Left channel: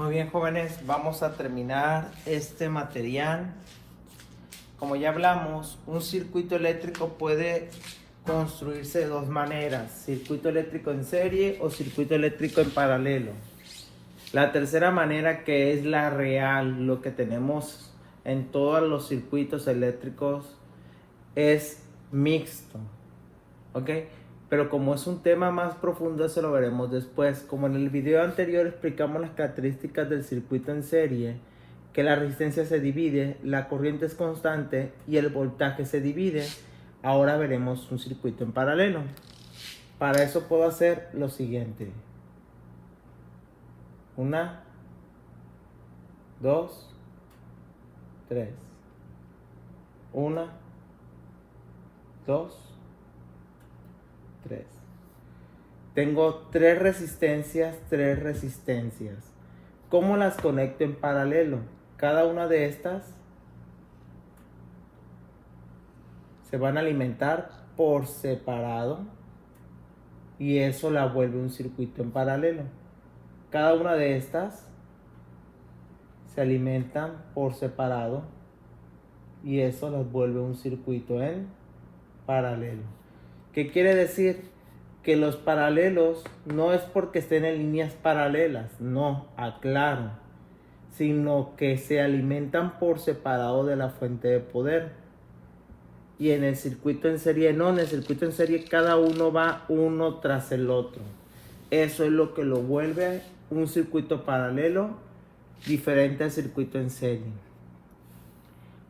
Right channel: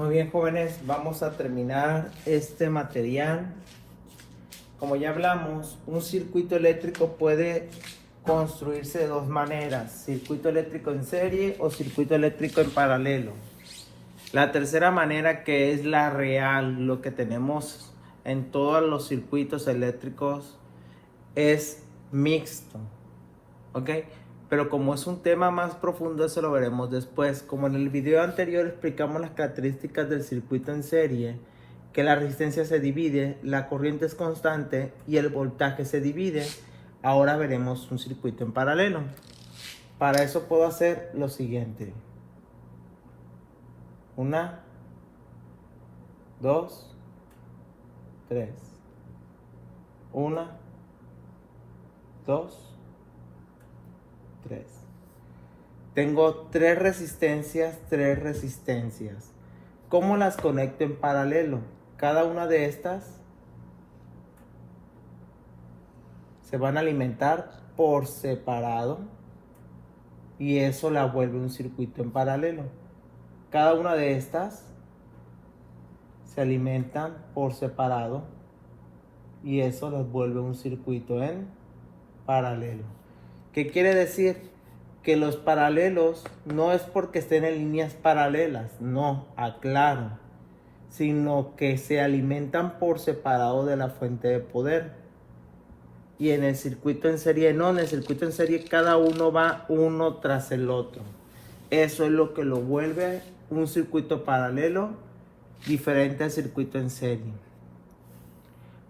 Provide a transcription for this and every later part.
Muy bien, jóvenes, vamos a terminar este material. Como ya hablamos, un circuito eléctrico puede construirse de dos maneras: circuito eléctrico en serie o circuito eléctrico en paralelo. La tercera manera, que es la real, lo que tenemos en todos los circuitos eléctricos, es mixto, ¿ok? Pero como es un tema más profundo, eso lo veremos después. Como en el video anterior explicamos las características del circuito en serie, que la resistencia se divide, la corriente es constante y el voltaje se divide, ahora veremos un circuito en paralelo. Para eso puedo hacer lo siguiente: 1, 2, 3. 1, 2, 3. Tengo tres resistencias. ¿Cómo las conecto en paralelo? Cada una de estas se van a alimentar por separado y eso la vuelve un circuito en paralelo. Cada una de estas se alimentan por separado y eso las vuelve un circuito en paralelo. ¿Qué quiere decir? Que los paralelos no es porque estén en líneas paralelas, no, aclaro, sino que se alimentan por separado de la fuente de poder. Y en el circuito en serie no, en el circuito en serie cada uno va uno tras el otro. Eso es lo que lo vuelve un circuito paralelo diferente al circuito en serie.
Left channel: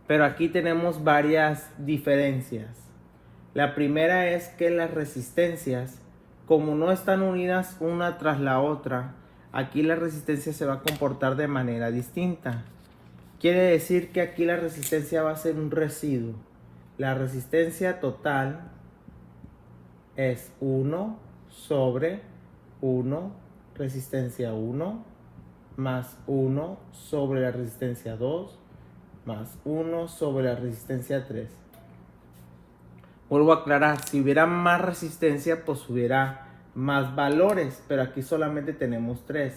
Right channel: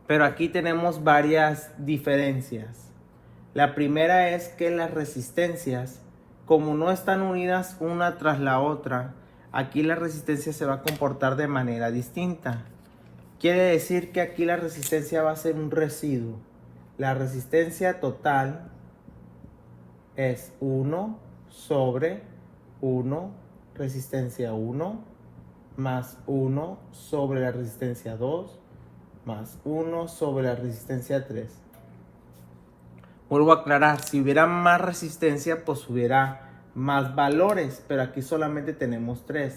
Pero aquí tenemos varias diferencias. La primera es que las resistencias, como no están unidas una tras la otra, aquí la resistencia se va a comportar de manera distinta. Quiere decir que aquí la resistencia va a ser un residuo. La resistencia total es 1 sobre 1, resistencia 1, más 1 sobre la resistencia 2, más 1 sobre la resistencia 3. Vuelvo a aclarar, si hubiera más resistencia, pues hubiera más valores, pero aquí solamente tenemos 3.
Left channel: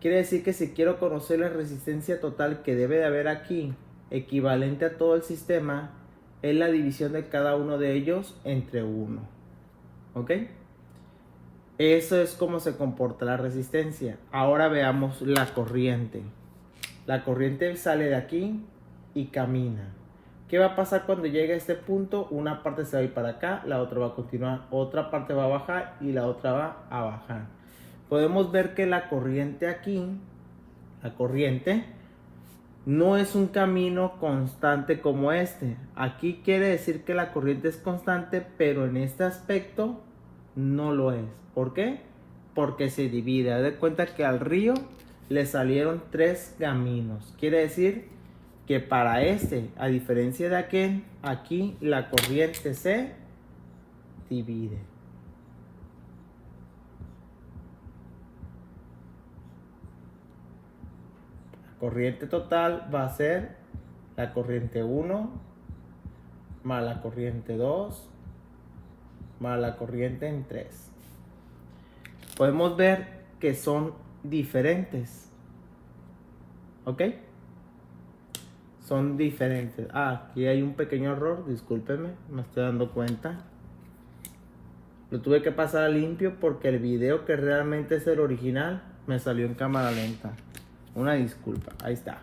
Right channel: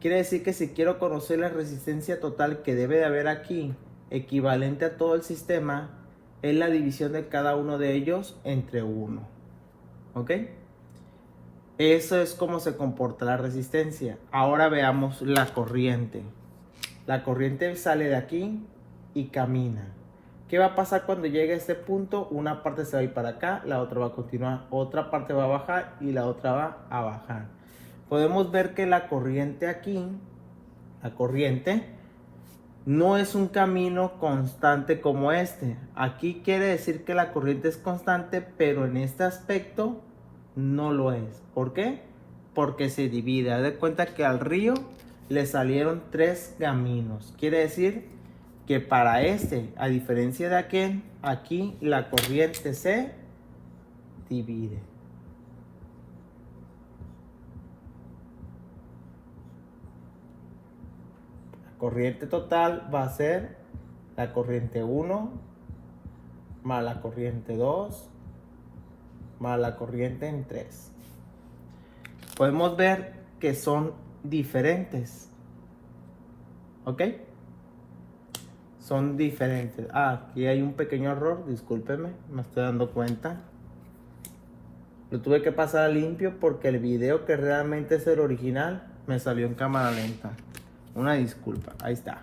Quiere decir que si quiero conocer la resistencia total que debe de haber aquí, equivalente a todo el sistema, es la división de cada uno de ellos entre 1. ¿Ok? Eso es como se comporta la resistencia. Ahora veamos la corriente. La corriente sale de aquí y camina. ¿Qué va a pasar cuando llegue a este punto? Una parte se va a ir para acá, la otra va a continuar, otra parte va a bajar y la otra va a bajar. Podemos ver que la corriente aquí, la corriente, no es un camino constante como este. Aquí quiere decir que la corriente es constante, pero en este aspecto no lo es. ¿Por qué? Porque se divide. Haz de cuenta que al río le salieron 3 caminos. Quiere decir que para este, a diferencia de aquí la corriente se divide. La corriente total va a ser la corriente 1 más la corriente 2 más la corriente en 3. Podemos ver que son diferentes. ¿Ok? Son diferentes. Aquí hay un pequeño error, discúlpeme, me estoy dando cuenta. Lo tuve que pasar a limpio porque el video que realmente es el original me salió en cámara lenta. Una disculpa, ahí está.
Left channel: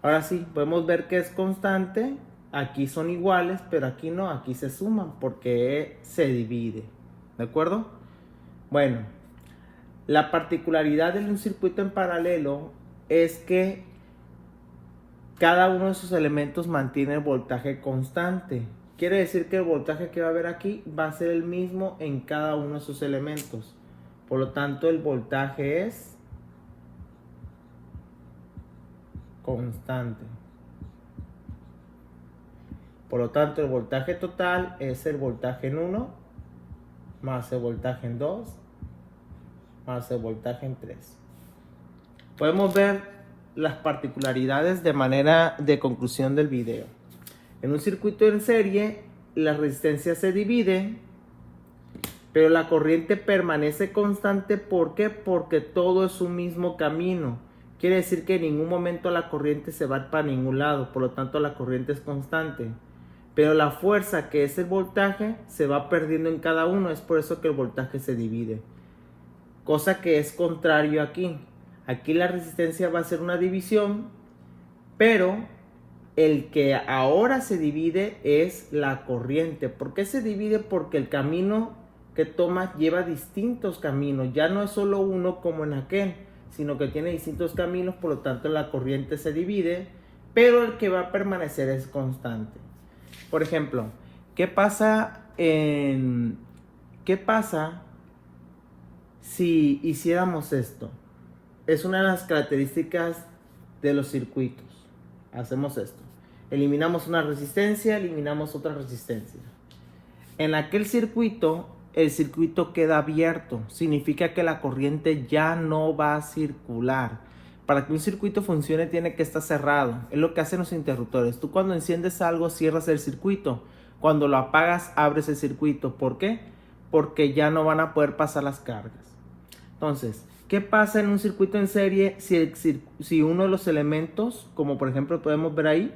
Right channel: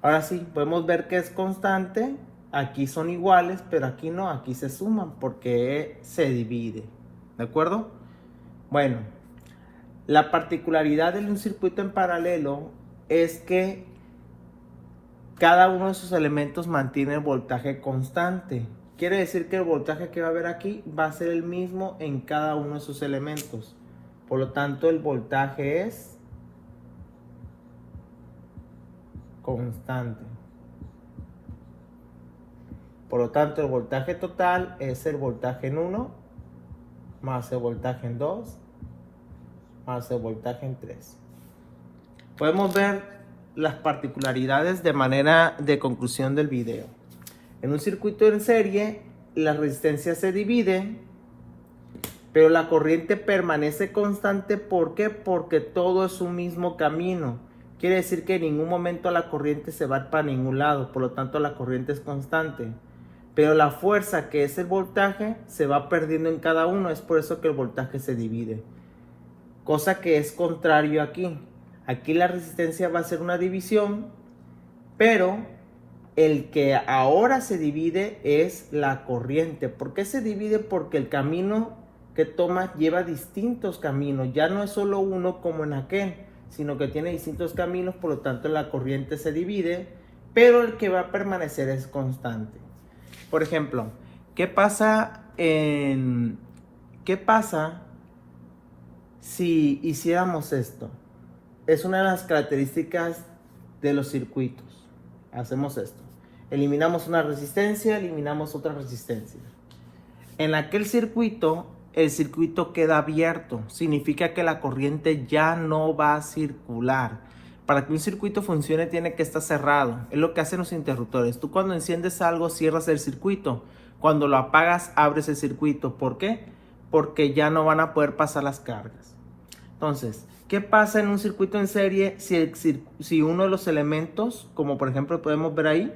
Ahora sí, podemos ver que es constante. Aquí son iguales, pero aquí no, aquí se suman porque se divide. ¿De acuerdo? Bueno, la particularidad de un circuito en paralelo es que cada uno de sus elementos mantiene el voltaje constante. Quiere decir que el voltaje que va a haber aquí va a ser el mismo en cada uno de sus elementos. Por lo tanto, el voltaje es constante. Por lo tanto, el voltaje total es el voltaje en 1 más el voltaje en 2 más el voltaje en 3. Podemos ver las particularidades de manera de conclusión del video. En un circuito en serie, la resistencia se divide, pero la corriente permanece constante. ¿Por qué? Porque todo es un mismo camino. quiere decir que en ningún momento la corriente se va para ningún lado, por lo tanto la corriente es constante. Pero la fuerza, que es el voltaje, se va perdiendo en cada uno, es por eso que el voltaje se divide. Cosa que es contrario aquí. Aquí la resistencia va a ser una división, pero el que ahora se divide es la corriente. ¿Por qué se divide? Porque el camino que toma lleva distintos caminos. Ya no es solo uno como en aquel, sino que tiene distintos caminos, por lo tanto la corriente se divide, pero el que va a permanecer es constante. Por ejemplo, ¿qué pasa si hiciéramos esto? Es una de las características de los circuitos. Hacemos esto. Eliminamos una resistencia, eliminamos otra resistencia. En aquel circuito, el circuito queda abierto. Significa que la corriente ya no va a circular. Para que un circuito funcione tiene que estar cerrado. Es lo que hacen los interruptores. Tú cuando enciendes algo cierras el circuito. Cuando lo apagas abres el circuito. ¿Por qué? Porque ya no van a poder pasar las cargas. Entonces, ¿qué pasa en un circuito en serie si uno de los elementos, como por ejemplo podemos ver ahí,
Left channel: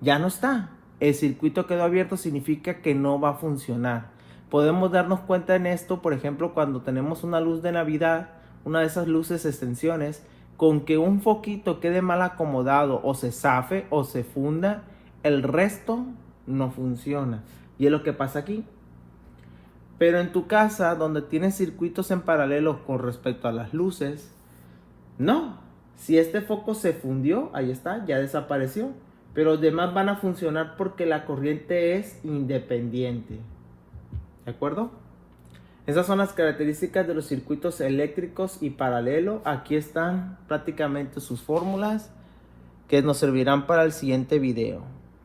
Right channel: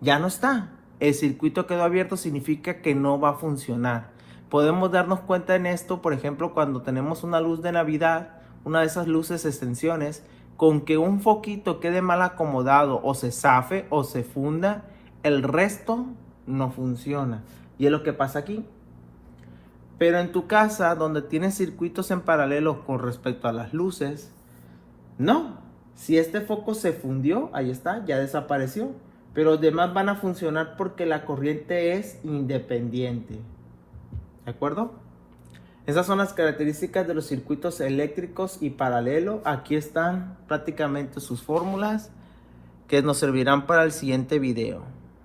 ya no está? El circuito quedó abierto, significa que no va a funcionar. Podemos darnos cuenta en esto, por ejemplo, cuando tenemos una luz de Navidad, una de esas luces extensiones, con que un foquito quede mal acomodado o se zafe o se funda, el resto no funciona. Y es lo que pasa aquí. Pero en tu casa, donde tienes circuitos en paralelo con respecto a las luces, no. Si este foco se fundió, ahí está, ya desapareció. Pero los demás van a funcionar porque la corriente es independiente. ¿De acuerdo? Esas son las características de los circuitos eléctricos y paralelo. Aquí están prácticamente sus fórmulas que nos servirán para el siguiente video.